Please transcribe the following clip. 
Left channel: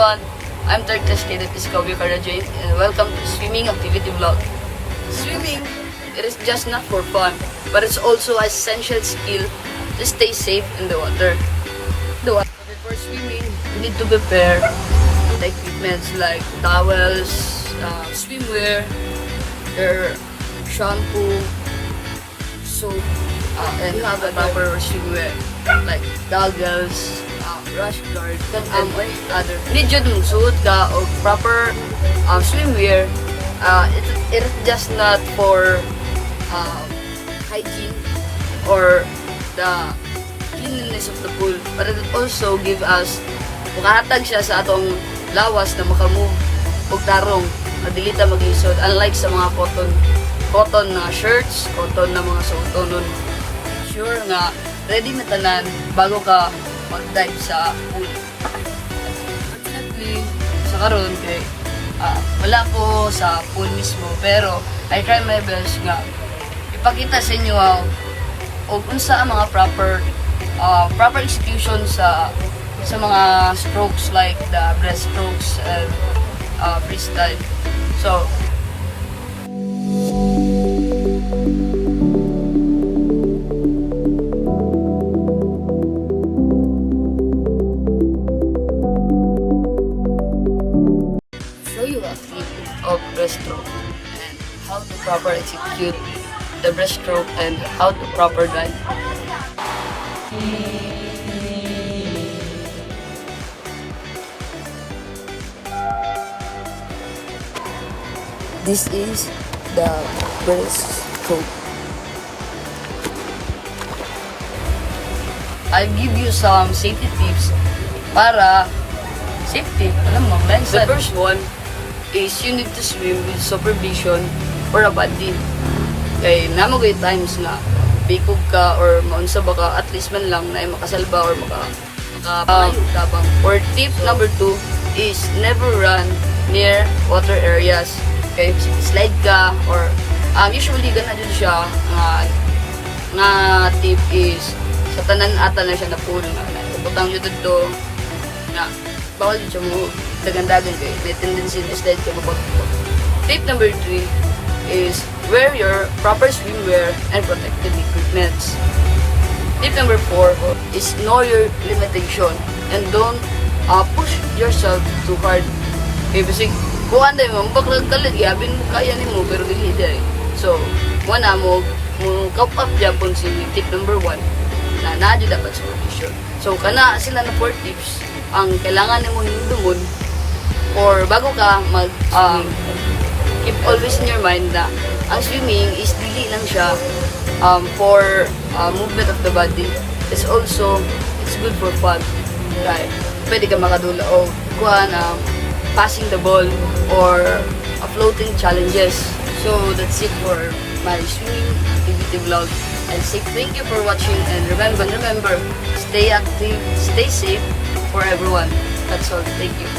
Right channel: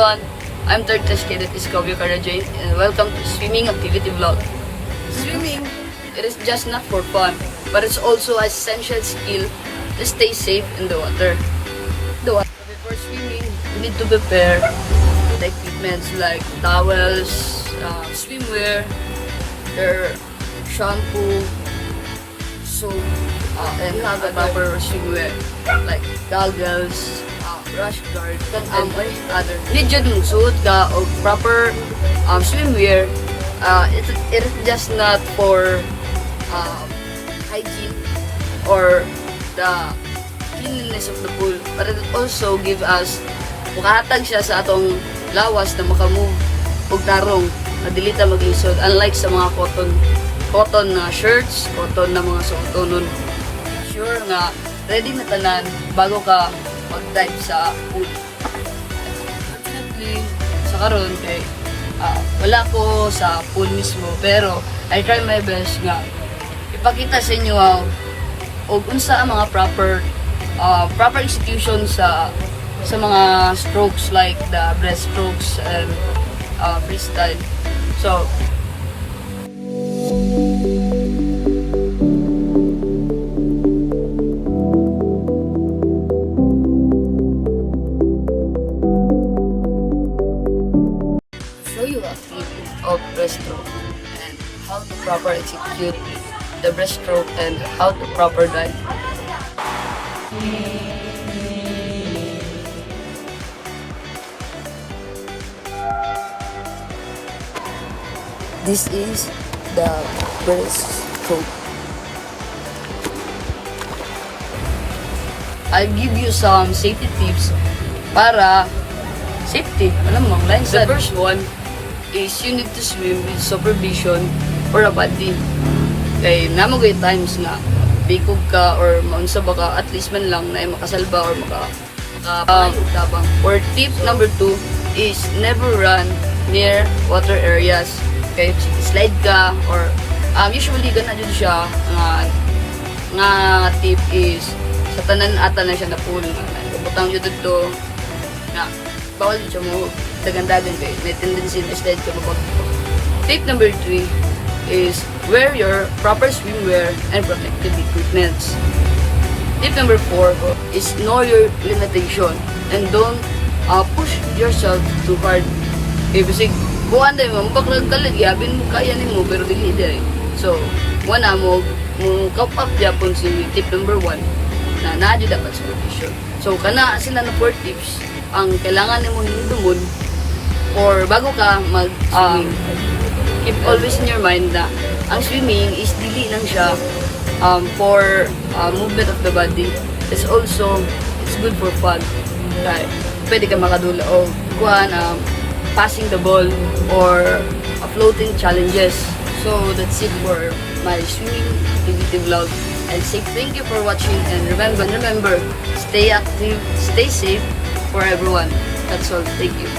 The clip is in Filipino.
everyone, I'm third test cadet Discovery Karajoy and welcome to Swimming Activity Vlog. Swimming, it is just not for fun, but it's also an essential skill to stay safe in the water. Before swimming, you need to prepare the equipment like towels, swimwear, your shampoo, soap, and have a proper swimwear like goggles, rash guard, and other. Need you to suit the proper swimwear. It is just not for hygiene or the cleanliness of the pool, but it also give us makahatag siya sa atong lawas na makamove o tarong madilita mag-isod, unlike sa mga cotton na shirts, cotton na mga suotonon. Sure nga ready na tanan bago ka mag-dive sa pool. Unfortunately, sa karon kay wala ko sa pool mismo, pero I try my best nga ipakita sa inyo og unsa ang mga proper execution sa mga strokes like the breaststrokes and freestyle. So show you a few of breaststroke and how to proper execute the breaststroke and how to proper dive. This is the breaststroke. I'll give you some safety tips para safety. Alam mo, the first one is you need to swim with supervision or a buddy. Kaya namagay times na bikog ka or maunsa ba ka, at least man lang na makasalba or tabang. Or tip number 2 is never run near water areas. Okay, slide ka or usually gana din siya nga tip is sa tanan ata na siya na pool butang yun dito na bawal siya mo dagan-dagan kay may tendency to slide ka mabag. Tip number 3 is wear your proper swimwear and protective equipments. Tip number 4 is know your limitation and don't push yourself too hard. Okay, basically kung anday mo, magpagkalag yabin mo kaya ni mo, pero dili dahil. So, wala mo kapat yapon si tip number 1 na naadi dapat sa condition. So, kana sila na 4 tips ang kailangan mo hinudungon or bago ka keep always in your mind na ang swimming is dili lang siya for movement of the body. It's also, it's good for fun. Dahil pwede ka makadula o kuhan passing the ball or floating challenges. So that's it for my swimming activity vlog. I'll say thank you for watching and remember, stay active, stay safe for everyone. That's all. Thank you.